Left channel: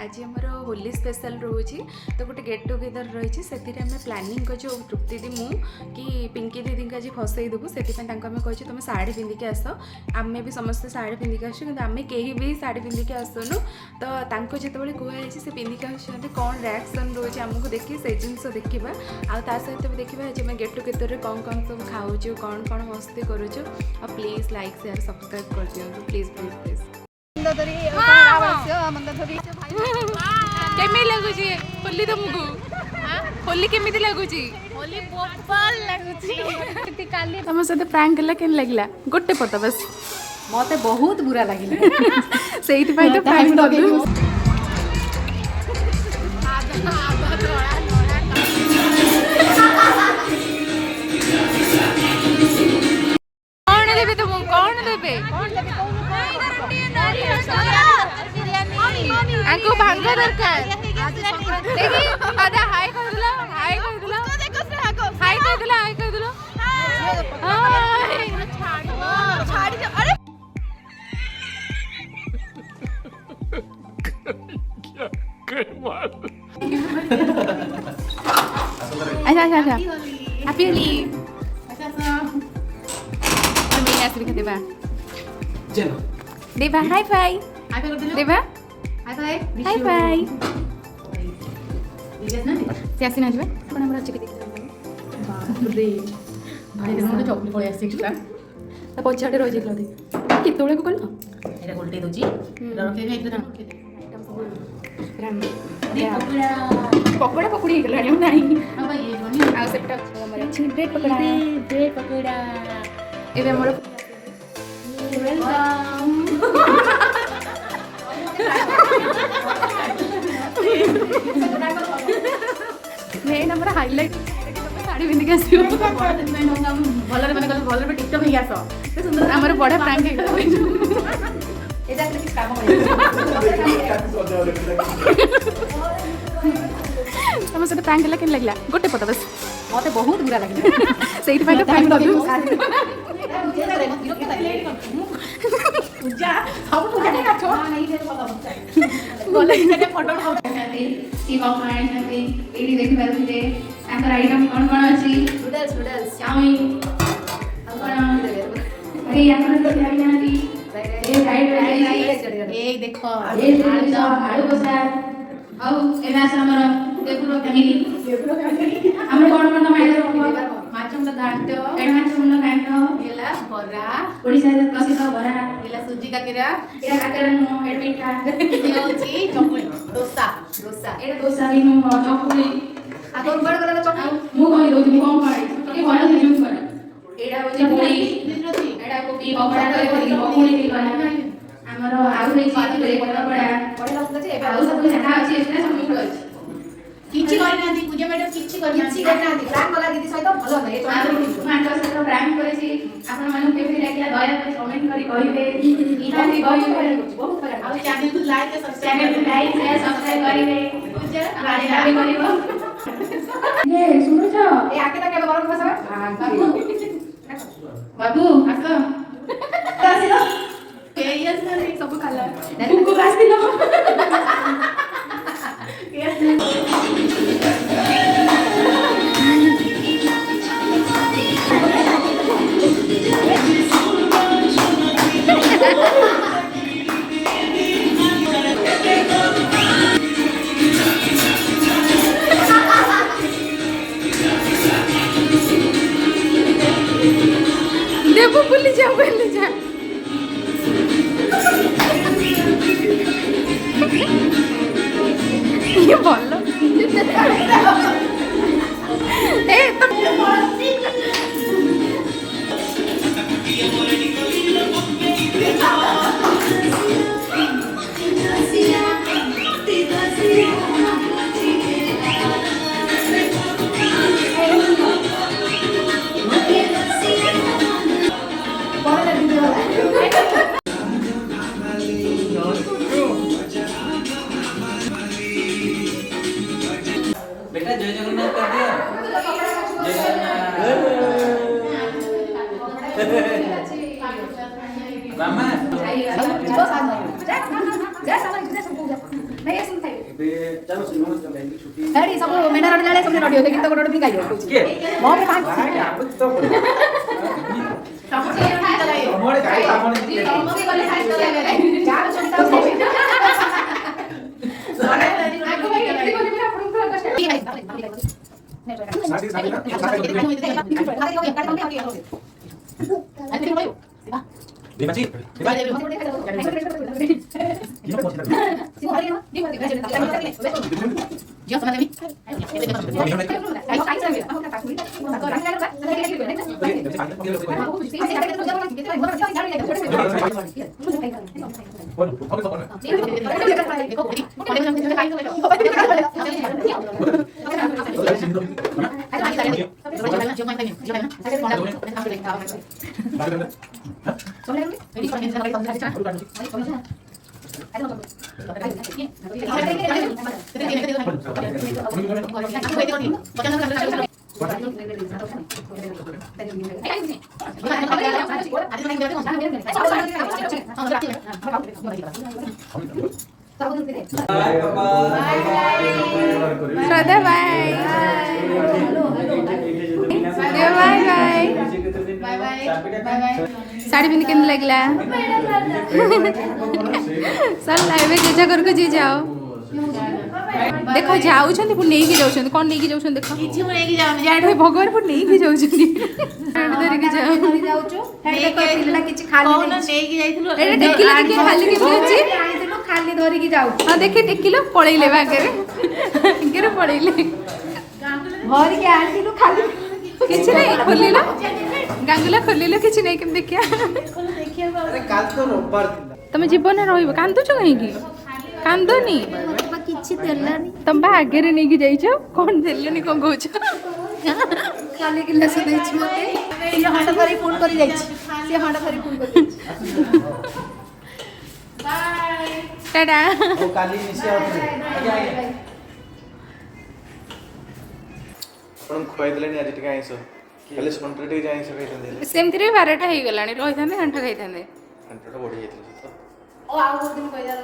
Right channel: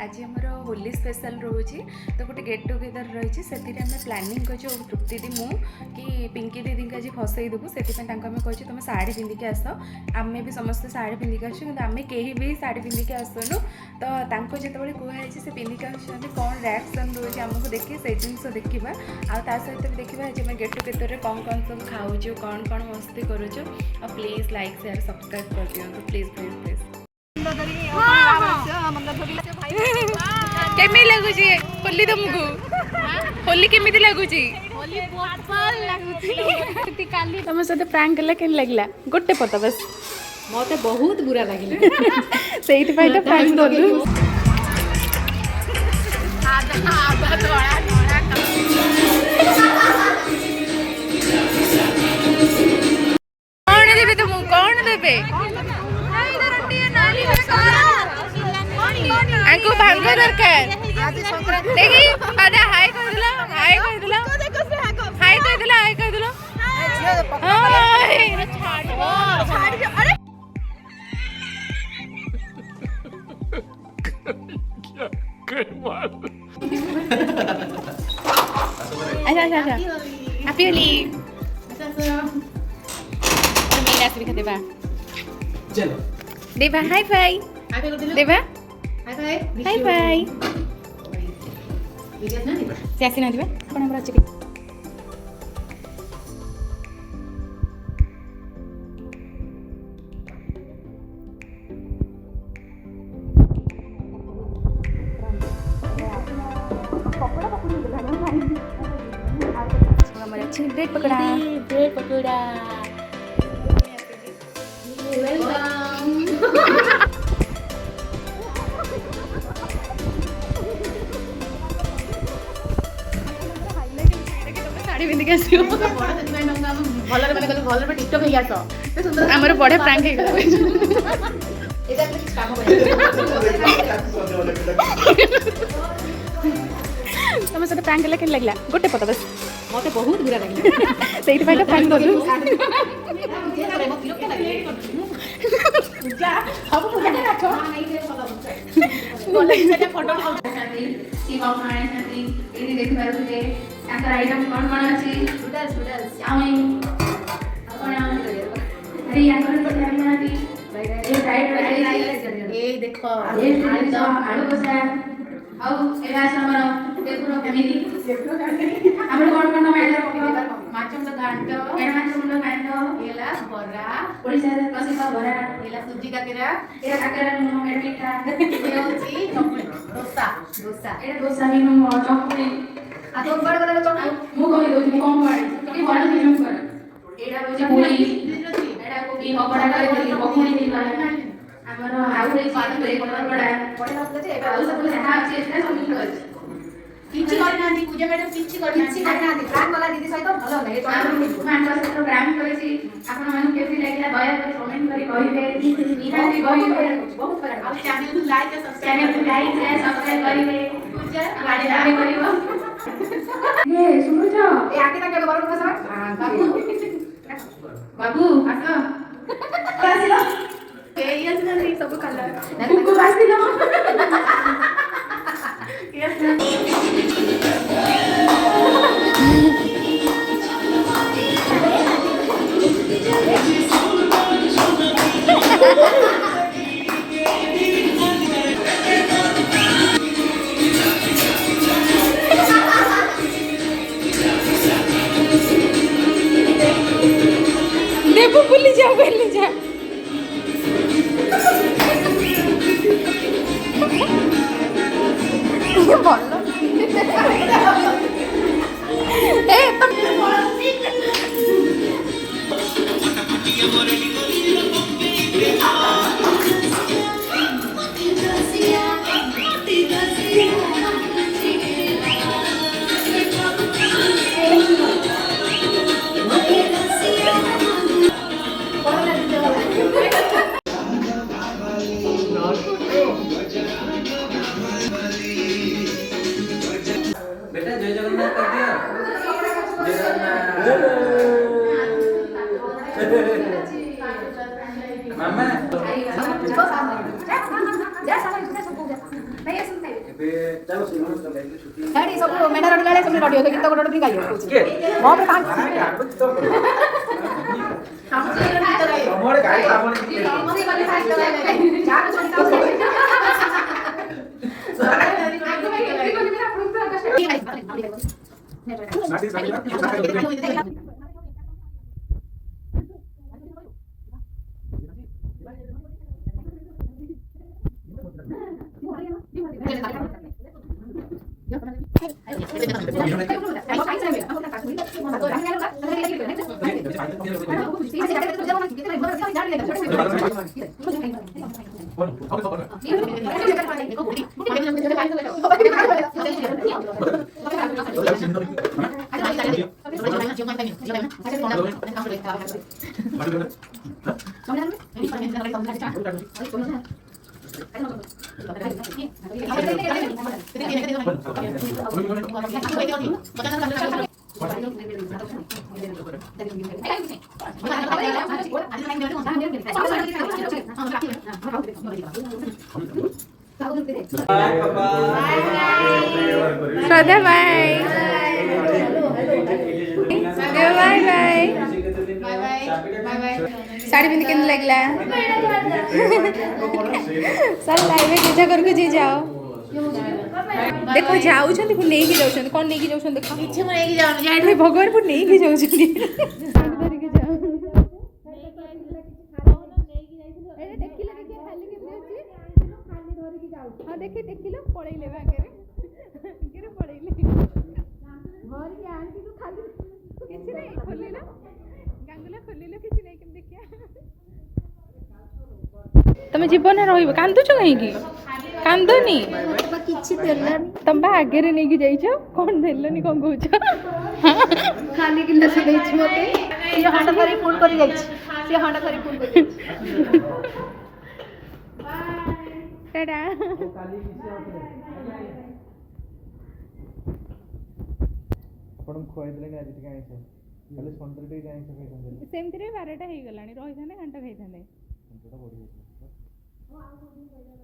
आज आमर होली स्पेशल रोचे तो गोटे गेट टुगेदर रही से आम प्लानिंग कर तृप्ति दी मु कि पिंकी दीदी आज फसई देवु से कहे तुम शाढ़ी पिंधिकी आस आम भी समस्त शाढ़ी पिंधिकी आसु कि आम कहीं भी शाढ़ी पिंधिकी आसुनु तो जिते कहुई से पिंधिकी आसुँच कौन रिएक्शन रोचे आमको देखिए से जिनस देखा आ सहित भी देखा आज गेट टुगेदर कौन कौन सब खाऊँ कौन कौन मस्ती करुचु प्लीज लाइक शेयर सब्सक्राइब कर दिखाँ प्लीज प्लीज प्लीज केमी लगुची होली तुमको होली केमी लगुची तुम सहित प्रैंक कला के लगला गोटे पता बस मते बहुत बुरा लगिला से तो प्रैंक कलु कौन देबे तुमको कौन देबे आंको भांग दरकार देखी आधा हाय कह दिला हाय कह दिला हाय कह दिला हाय कह दिला अच्छा अच्छा अच्छा हैप्पी होली और मैं ऐसे भी खाते बा चलो देवा हाय फाई देवा हाय फाई त्यासी ना दिबा कोन हमरा अछि दे भाई देखो चॉकलेट पळे आसी एक्स्ट्रा ता पछाडे रहि जेतला दे केतोळे को कल एटा गोल्टे दोची रखे ने एकदम रखे पकोड़ा पकोड़ी हे गलानी नाही आ सेटा हमर अछि ब्रेड पकोड़ा एबे हमर हाइलाइट साड़ी पिंधिक आसो भलरे मैंने कहले भलरे टिकटॉक हे आसो से सुंदर हमर बड़े प्रैंक हे गला एटा किछ काम तुम सहित प्रैंक कला के लगला गोटे पता बस मते बहुत बुरा लगिला से तो प्रैंक कलु पूजा सब पूजा के रखो नहीं दे बोले से फोटो उठाउ की बाउंड करते एडी देख पारुते अंदर आइटम कौन कौन अछि नूडल्स चाउमीन अपन अरे या कोन तो खाई नाती ए राइट ए देखो ये आलू बसा औ एला हमर देखुरो फैमिली हमर कौन कौन मैटर माछम घाट एडा माछम घाट एला बरा ओडिसा रे प्रसिद्ध बरा एला सुजी कातिरा एला काकरा नो एडमिटा ए होची चकुली डोसा एडा डोसा रे नो चकुली आ तो बड़ बड़ चकुली मु कहि दोती कम पड़े के बड़ दिन कर एडा होची पूरी एडा कोबी पकोड़ा करे पकोड़ी भी बना हमर आउ रे चीज रे बड़ बड़ लागत जे एबे आउ सब जाना अछि एटा सब मु अछि किछि करना दी पूजा मैडम किछि करना दी प्लान वाला दीदी सहित भलो नै तो मानक सहित प्लान करिछि आपन मानु केबे लागला दया कर कमेंट करी कहिबे इना भी बहुत बड़ा और चैनल को लाइक और चैनल को लाइक शेयर सब्सक्राइब करिबे पूजा बाजी आगे करिबो ये सुनो छ ए आके तक के बरन फसबा बाबू आसो आसिलो एरियस ना सब खाला कुकु आसिलो देवो बुली जा ये बोल ए तुम बेटा जय जगन्नाथ कर दिया जगन्नाथ मामा ଚାଲ ସିନେମା ତ ଯାଇକି ଛୁଟି ସେଠି ସବୁ ମେଣ୍ଢା ରଡ଼ି ଲାଳେ ସବୁ ରଡ଼ି ଗୀତ ଗୋଟେ ଗୋଟେ ଗାଇବ କହୁଛି କିଏ? ମୋ ଉପରେ ପାଣି ତମରେ ଗାଇ ଆମନେ Dimaci. Sada bye. Bye bye. Sari पिंध के लगला सर लाइव जेजा घर को जी जाओ देखो जाऊ छंती पुन नहीं की जाऊ छंती कौन नहीं की जाऊ छंती देखो କିଛି ମୁଁ ନେଇକି ଯାଉନି अरे भगवान पुन नहीं की जाऊ छंती धर के जाओ ଯାଉଛୁ देखो तिलला किछि खाली କौନ ନେଇକି ଯାଇଥିଲୁ एटा टेकिला देखि खाली के अछि ଆଣିଥିଲୁ ଖାଲି ଧରିକି ଯାଉ हां देखि टेकिलो पळेइले बागरे केरे पळेइले ଧରିକି ଆଣିଥିଲୁ ଖାଲି किछि नहीं खोलिलो गांगुला खोलिलो किछि नहीं केम देखिया अरे काल तो रोबबार तमे जीवन रहिबो कांदु छ कहीं की कांदोनी କିଛି ଦେଲାନି तम बा आगे रे नेकी जाइछो कोन देलेनी कोन कहूछ ଖାଲି ଗିଲାସ ଦେଇଛି ମତେ ସିଏ ହଣ୍ଡ ଧରି ଫୁଲ କରି ଯାଇଛି ସିଏ ହଣ୍ଡ ଧରି ଫୁଲ କରି ଯାଇଛି टाटा ओ काली निसे आउथले आगे आगे आपण खुआई देलेनी आज टिके आइसो खाली सुंटर टिके आइसो खाइतंदे सेमति रे 12टा हे गलानी रहिथाने घंटा खाइथाने घंटा बढी ଯାଇଥିଲା ଓ ଆଉ ଗୋଟେ ଦିନ କହିଲା